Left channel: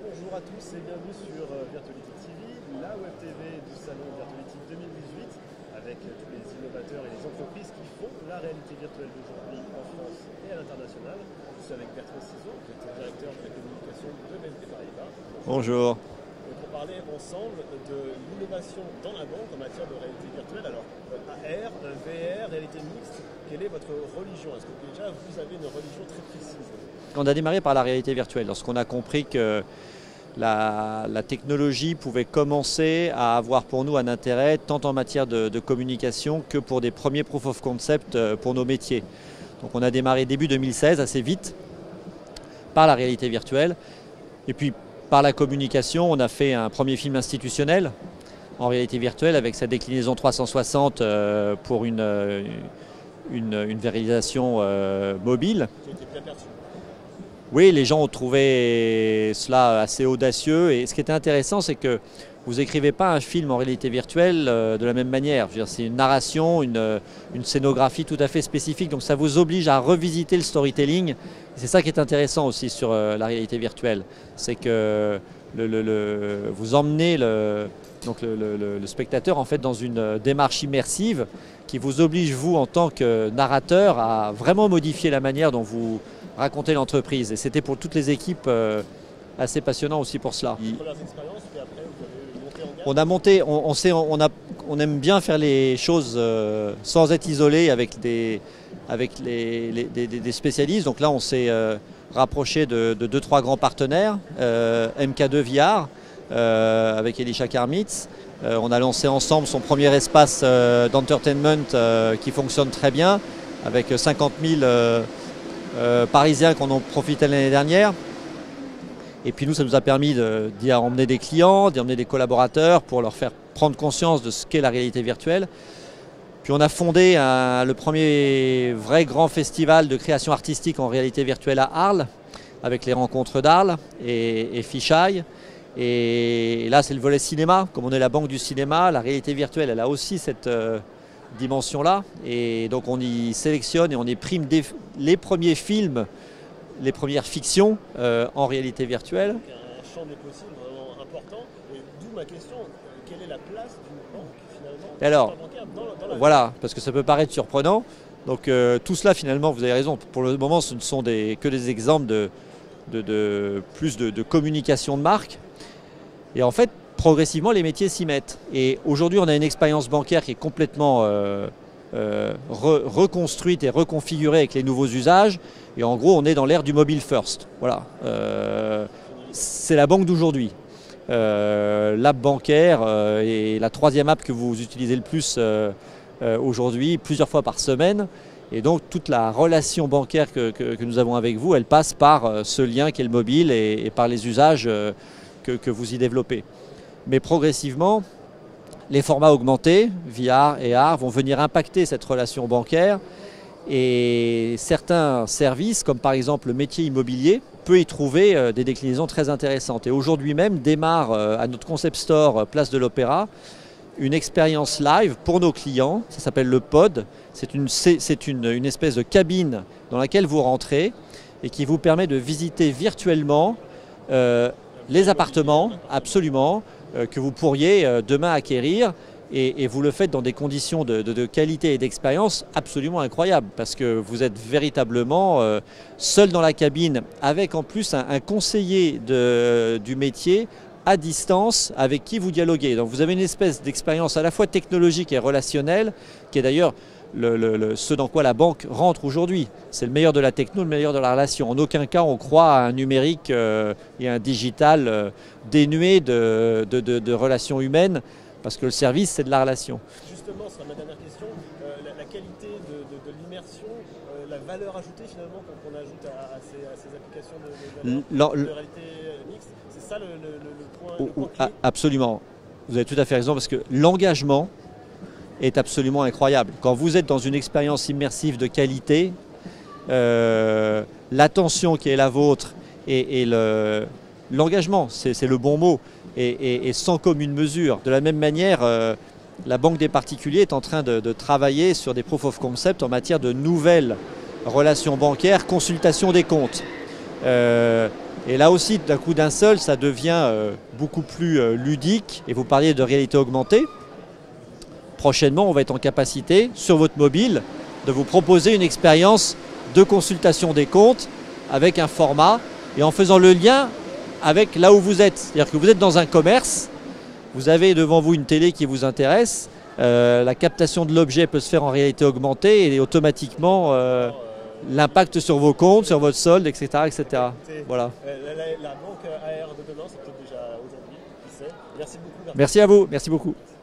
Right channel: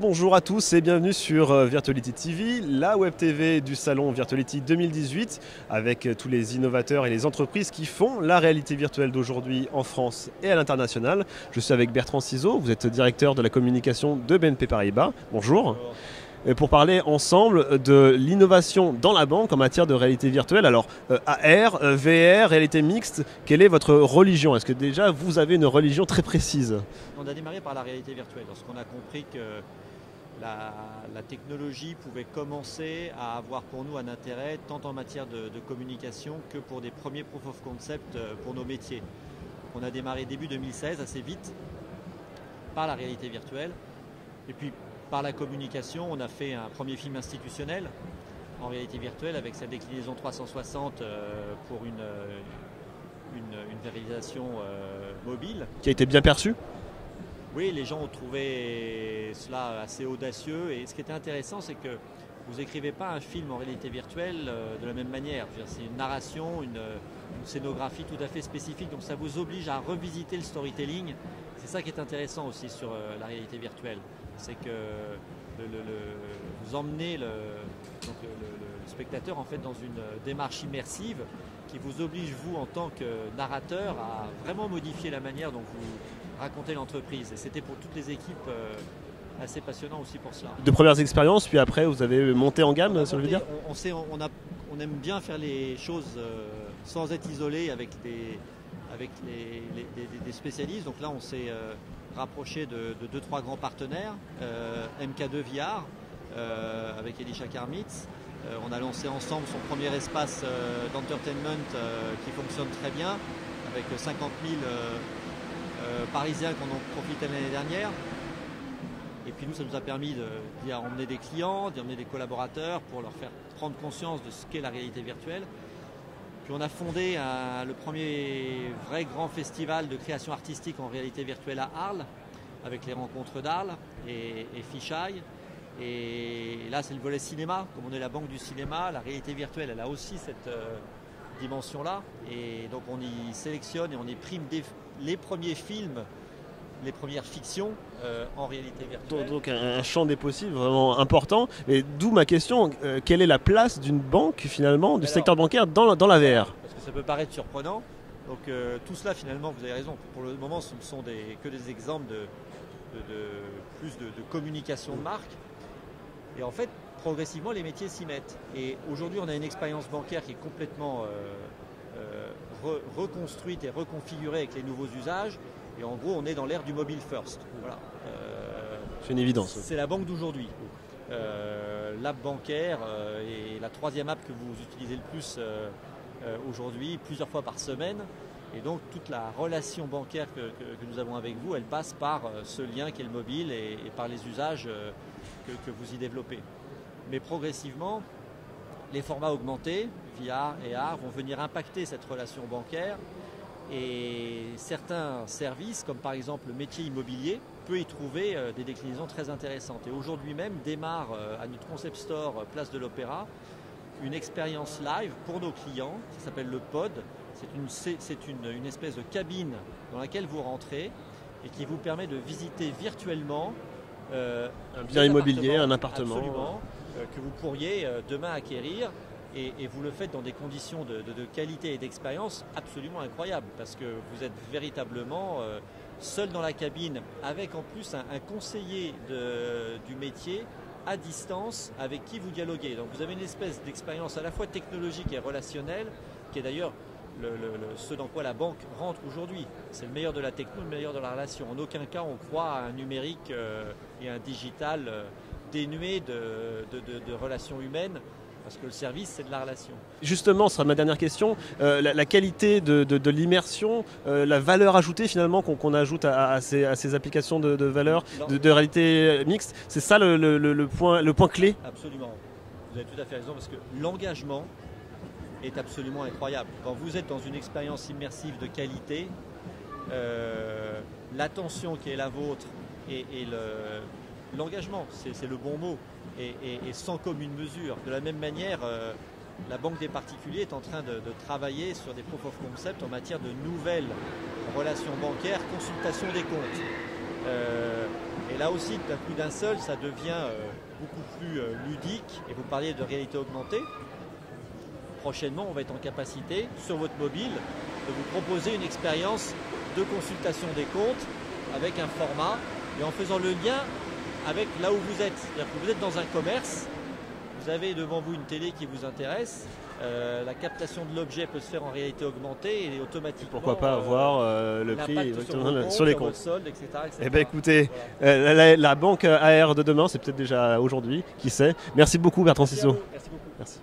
Rebonjour à tous et bienvenue sur Virtuality TV, la web TV du salon Virtuality 2018 avec tous les innovateurs et les entreprises qui font la réalité virtuelle d'aujourd'hui en France et à l'international. Je suis avec Bertrand Ciseaux, vous êtes directeur de la communication de BNP Paribas. Bonjour. Bonjour. Et pour parler ensemble de l'innovation dans la banque en matière de réalité virtuelle. Alors AR, VR, réalité mixte, quelle est votre religion? Est-ce que déjà vous avez une religion très précise? On a démarré par la réalité virtuelle lorsqu'on a compris que la technologie pouvait commencer à avoir pour nous un intérêt tant en matière de communication que pour des premiers proof of concept pour nos métiers. Donc on a démarré début 2016 assez vite par la réalité virtuelle et puis par la communication, on a fait un premier film institutionnel en réalité virtuelle avec sa déclinaison 360 pour une réalisation mobile. Qui a été bien perçue? Oui, les gens ont trouvé cela assez audacieux et ce qui était intéressant, c'est que vous n'écrivez pas un film en réalité virtuelle de la même manière. C'est une narration, une scénographie tout à fait spécifique, donc ça vous oblige à revisiter le storytelling. C'est ça qui est intéressant aussi sur la réalité virtuelle, c'est que vous emmenez le spectateur en fait dans une démarche immersive qui vous oblige, vous, en tant que narrateur, à vraiment modifier la manière dont vous racontez l'entreprise. Et c'était pour toutes les équipes assez passionnant aussi pour cela. De premières expériences, puis après vous avez monté en gamme? On aime bien faire les choses sans être isolé avec des spécialistes. Donc là on s'est rapproché de 2-3 grands partenaires, MK2 VR avec Elisha Karmitz. On a lancé ensemble son premier espace d'entertainment qui fonctionne très bien avec 50 000 Parisiens qui en ont profité l'année dernière. Et puis nous, ça nous a permis d'y emmener des clients, d'y emmener des collaborateurs pour leur faire prendre conscience de ce qu'est la réalité virtuelle. Puis on a fondé le premier vrai grand festival de création artistique en réalité virtuelle à Arles, avec les rencontres d'Arles et Fisheye. Et là, c'est le volet cinéma. Comme on est la banque du cinéma, la réalité virtuelle, elle a aussi cette dimension-là. Et donc on y sélectionne et on y prime les premiers films, les premières fictions en réalité virtuelle. Donc un champ des possibles vraiment important. Et d'où ma question, quelle est la place d'une banque finalement, du secteur bancaire dans la VR? Voilà, parce que ça peut paraître surprenant. Donc tout cela finalement, vous avez raison, pour le moment ce ne sont que des exemples de communication de marque. Et en fait, progressivement les métiers s'y mettent. Et aujourd'hui on a une expérience bancaire qui est complètement reconstruite et reconfigurée avec les nouveaux usages. Et en gros, on est dans l'ère du mobile first. Voilà. C'est une évidence. C'est la banque d'aujourd'hui. L'app bancaire est la troisième app que vous utilisez le plus aujourd'hui, plusieurs fois par semaine. Et donc, toute la relation bancaire que nous avons avec vous, elle passe par ce lien qui est le mobile et par les usages que vous y développez. Mais progressivement, les formats augmentés, VR et AR, vont venir impacter cette relation bancaire. Et certains services, comme par exemple le métier immobilier, peut y trouver des déclinaisons très intéressantes. Et aujourd'hui même démarre à notre concept store Place de l'Opéra une expérience live pour nos clients. Ça s'appelle le pod. C'est une espèce de cabine dans laquelle vous rentrez et qui vous permet de visiter virtuellement les appartements, absolument, que vous pourriez demain acquérir. Et vous le faites dans des conditions de qualité et d'expérience absolument incroyables parce que vous êtes véritablement seul dans la cabine avec en plus un conseiller du métier à distance avec qui vous dialoguez. Donc vous avez une espèce d'expérience à la fois technologique et relationnelle qui est d'ailleurs ce dans quoi la banque rentre aujourd'hui. C'est le meilleur de la techno, le meilleur de la relation. En aucun cas on croit à un numérique et un digital dénué de relations humaines. Parce que le service, c'est de la relation. Justement, ce sera ma dernière question. La qualité de l'immersion, la valeur ajoutée finalement qu'on ajoute à ces applications de valeur, de réalité mixte, c'est ça le point clé? Absolument. Vous avez tout à fait raison parce que l'engagement est absolument incroyable. Quand vous êtes dans une expérience immersive de qualité, l'attention qui est la vôtre et l'engagement, c'est le bon mot, et sans commune mesure. De la même manière, la Banque des particuliers est en train de travailler sur des proof of concept en matière de nouvelles relations bancaires, consultation des comptes. Et là aussi, d'un coup d'un seul, ça devient beaucoup plus ludique. Et vous parliez de réalité augmentée. Prochainement, on va être en capacité, sur votre mobile, de vous proposer une expérience de consultation des comptes avec un format et en faisant le lien avec là où vous êtes. C'est-à-dire que vous êtes dans un commerce, vous avez devant vous une télé qui vous intéresse, la captation de l'objet peut se faire en réalité augmentée et automatiquement l'impact sur vos comptes, sur votre solde, etc. etc. Eh ben, écoutez, voilà. la banque AR de demain, c'est peut-être déjà aujourd'hui, qui sait. Merci beaucoup Bertrand. Merci à vous, merci beaucoup. Merci.